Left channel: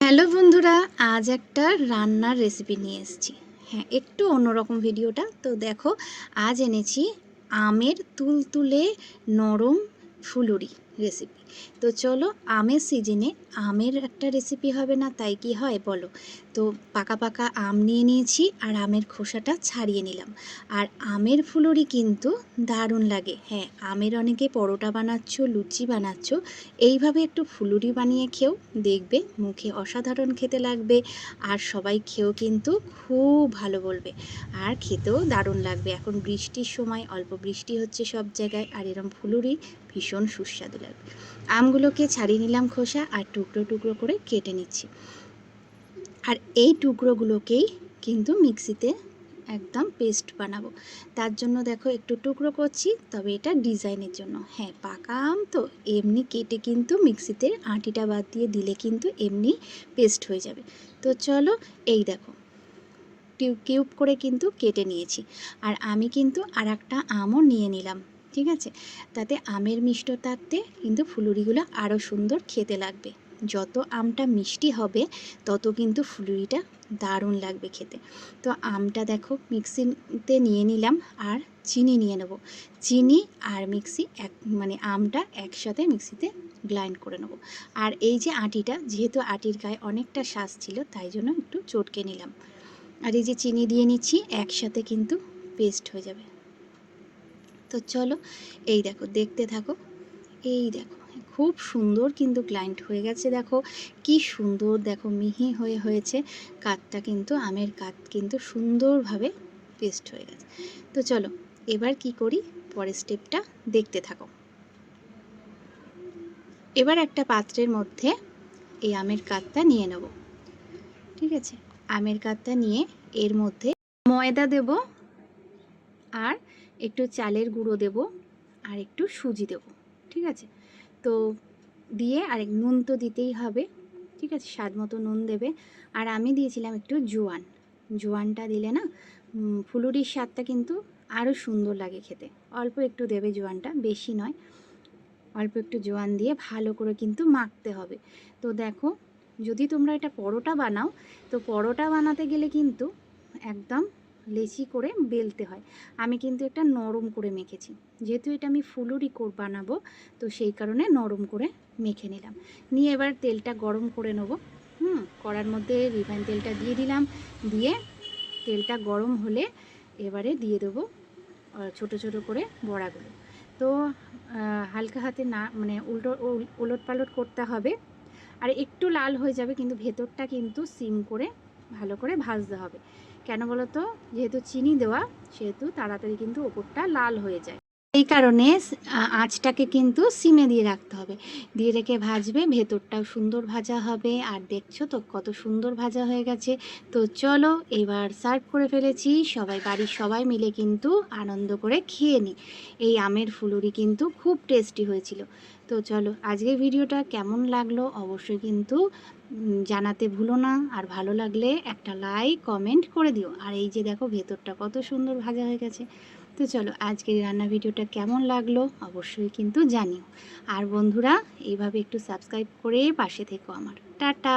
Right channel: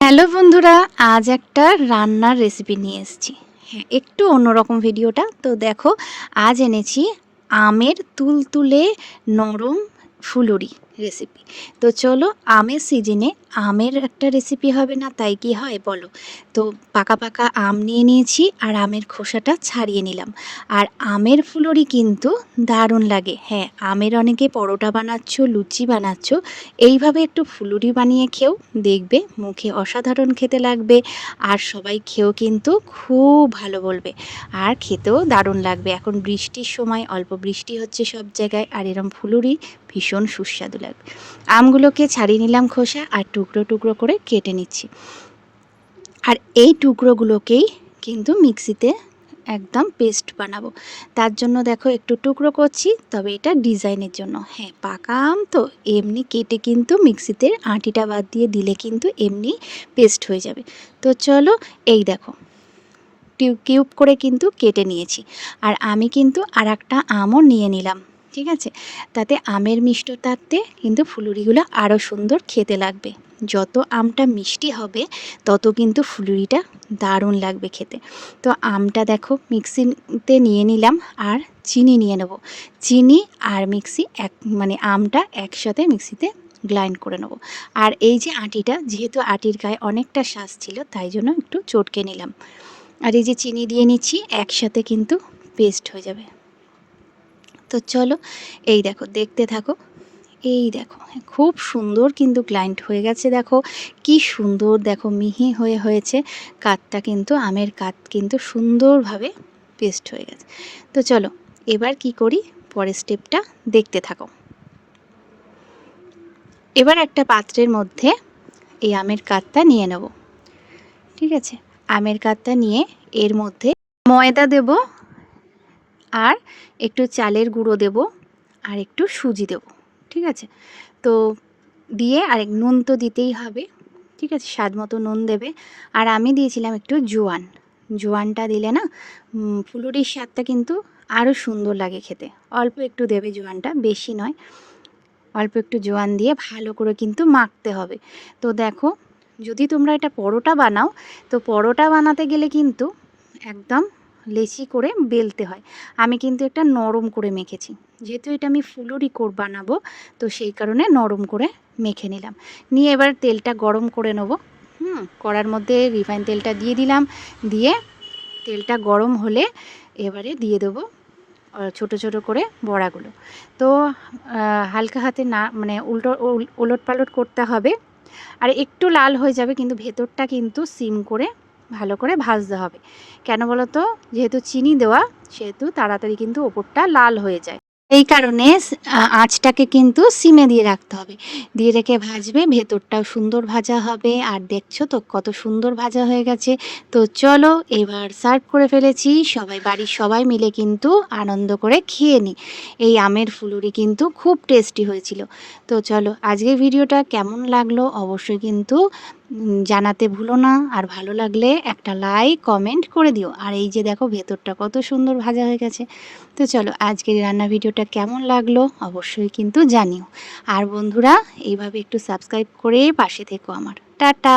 Hello বন্ধুরা, আজ একটা রান্নার রেসিপি নিয়ে এসেছি। হ্যাঁ, একটু অন্যরকম ভিডিওটা। তো দেখো, আজ এনেছি আমের তুলতুলে নরম ফুলুরি রেসিপি। তো চলো, আমের সিজনে আমের একটা রেসিপি হবে না তাই কি হয় বলো। তো পাকা পাকা আম নিয়ে নিয়েছি আর আমের খোসাটা ছাড়িয়ে নিলাম। আর আমের ফুলুরি কিন্তু দারুণ লাগে। হ্যাঁ, আমের অনেকে পরোটা বানাচ্ছ, লুচি বানাচ্ছ, এইভাবে একটু ফুলুরি বানিয়ে খেও, দেখবে মুখে অসাধারণ খেতে লাগবে। আর সবাই খেয়েও কিন্তু খুব ভালো বলবে, আর খেতেও দারুণ লাগবে। এখন বৃষ্টির সময়, অল্প বৃষ্টি হচ্ছে সব জায়গায়, আর এরম ফুলুরি ভীষণ সুস্বাদু লাগবে। আমগুলোকে ছাড়িয়ে নিলাম খোসা, আর টুকরো টুকরো করে কেটে নিচ্ছি। আর এই টুকরোগুলোকেই কিন্তু মিক্সিতে একদম পেস্ট বানাবো। তার জন্য দেখো একটু টুকরো করছি, তবে এটা ডিজাইনের জন্য। হ্যাঁ, পাকা আম তো এমনি কেটে কিন্তু মিক্সিতে আঁটিটা বাদ দিয়ে দিলে কিন্তু এমনি পেস্ট হয়ে যাবে। তো চলো, এই দেখো কিউব করে কিন্তু কেটে নিয়েছি। আর আমি কিন্তু আর একটা আমও নিয়ে নিলাম, ঠিক আছে? তাতে আমের মিষ্টতাতে কিন্তু ফুলুরিগুলো আরও সুন্দর খেতে লাগবে। যত আমটা মিষ্টি হবে তত কিন্তু ফুলুরিটা দারুণ লাগবে খেতে। তো আমটা দেখো মিক্সিতে নিয়ে নিলাম, আর চিনি নিয়ে নেব। চিনি আর মিক্সি আমটা একসাথে মিক্সিতে গ্রাইন্ড করে নেব। আর এই যে আটিটা, যেহেতু আটির গায়ে অনেকটা শ্বাস ছিল তাই জন্য একটু চটকে নিলাম। আর এই যে চিনি দিয়ে নিচ্ছি, একসাথে কিন্তু পেস্ট হয়ে যাবে। তো চলো, এই দেখো, দেখতে থাকো। এই দেখো, খুব সুন্দর কিন্তু গ্রাইন্ড হয়ে গেছে। দেখো কি সুন্দর, দেখো মিহি হয়ে হয়েছে। কাঠটা কিন্তু, আমের কাঠ কিন্তু সুন্দরভাবে পেস্ট হয়ে গেছে। তো চলো, এবার কি করি পরের স্টেপটা দেখতে থাকো। এবার একটা পাত্রের মধ্যে এই আমের কাঠটা নিয়ে নেব, ঠিক আছে? আমের কাঠটা নিয়ে এর মধ্যে ময়দা দেব, আর একটু চালের গুঁড়ো দেব, আর একটু সুজি দেব, ঠিক আছে? তো দিয়ে, আর নুন তো দিতেই হবে, ঠিক আছে? স্বাদ মতো নুন দেবে। আর আমি দিয়েছিলাম একটু জোয়ান। জোয়ানটা দিলে না ফুলুরির স্বাদটা কিন্তু আরও সুন্দর লাগে খেতে। অল্প একটু দেবে জোয়ানটা, বেশি নয়, অল্প একটু জোয়ান দিয়ে ভালো করে কিন্তু মাখতে হবে। তো দেখো, যদি তোমরা এটা পরোটা বানাও, তো পরোটা বানাতে গেলে কিন্তু একদম লেচি করে বেলতে হয়। আমি কিন্তু একটা নরম করে মেখেছি, যেহেতু এটা আমি ফুলুরি বানাবো, তো সেই কারণে নরম করে মেখে নিলাম। নিয়ে এবার তেলটা গরম করে নেব। কড়ার মধ্যে রিফাইন তেলটা দিয়ে দিলাম। দিয়ে তেলটা গরম হলে এবারে দিয়ে দেবো ছোট ছোট করে বড়াগুলো। তো হালকা হাতে না, উলট পালট করতে হবে। আর একটু লাল হয়ে যাবে, কিন্তু ভেতরটা কিন্তু সিম করে ভালো করে ভাজতে হবে। কেন বলো তো? যেহেতু চিনি দেওয়া, সেহেতু তাড়াতাড়ি কিন্তু ওপরটা লাল হয়ে যায়। এই কারণে আঁচটাকে কিন্তু সিমে দিয়ে রাখতে হবে। দিয়ে রেখে ভাজবে, ভেতরটাও সুন্দর ভাজা হবে। আর দেখছো তো কত সুন্দর ভাজা হয়ে গেছে। তো চলো, এবার সার্ভ করে ফেলেছি, বাড়ির সবাই মিলে কিন্তু আনন্দ করে খেয়ে নিই। এই আমের ফুলুরি কিন্তু খুব টেস্টি হয়েছিল। তো চলো, আজকের ভিডিওটা কেমন লাগলো অবশ্যই কিন্তু জানাতে ভুলো না। আর ভালো লাগলে একটা লাইক কমেন্ট করে দিও। আর এই যে দেখো, ভেতরটা কত সুন্দর ভাজা হয়ে গেছে। তো চলো, আজকের রান্না ভিডিওটা কেমন লাগলো অবশ্যই কিন্তু জানিও। আর বন্ধুরা, এইভাবে একটু সাবস্ক্রাইব করে পাশে থেকো আমার। টাটা।